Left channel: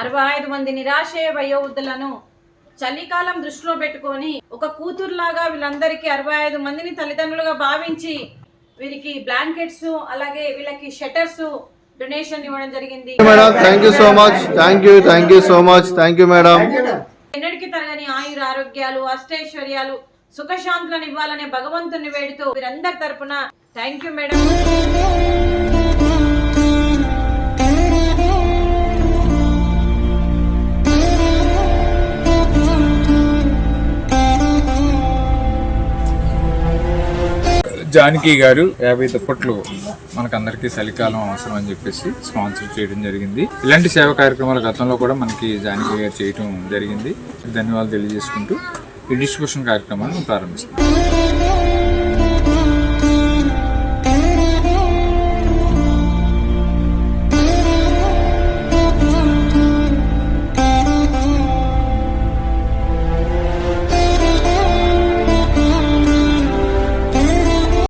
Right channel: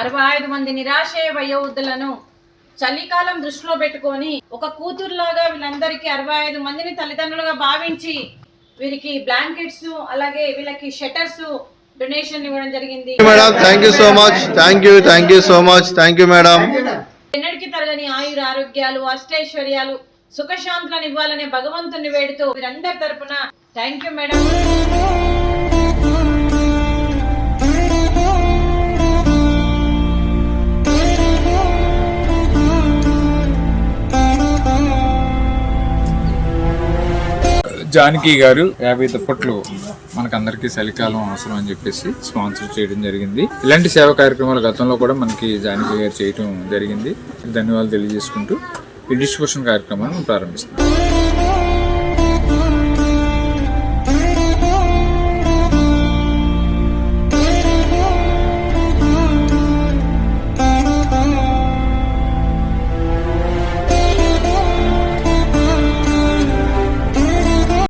65 మంది నిరాశయ వయోవృద్ధులను చలికాలం దృష్టిలో పెట్టుకొని ఒక కూతురులాగా వీళ్ళందరికీ 65 మందిని తల్లిదండ్రులుగా భావించి వీరికి బ్లాంకెట్స్ అలాగే వీళ్ళకి షట్టర్స్ డొనేషన్ ఇవ్వడం జరిగింది. Madam thank you so much. Thank you so much. Thank you madam. ఎన్నటికి తరగని ఆయుర ఆరోగ్యాలు అష్టైశ్వర్యాలు సుఖశాంతులను ఇవ్వాలనే భగవంతుని వేడుతూ వీరందరి తరపున థాంక్యూ మేడం. జానకి గారు 50 దుప్పట్లు మనకందరికీ చలికాలం అవసరం అని చెప్పేసి స్పాన్సర్ చేయడం జరిగింది. ఇలాంటి సేవా కార్యక్రమాలు గతంలో కూడా మనకి జానకి గారు చేయడం జరిగింది. ధన్యవాదాలు తెలియజేసుకుంటూ ఈ డిస్ట్రిబ్యూషన్ కార్యక్రమాన్ని ప్రారంభిస్తున్నాం.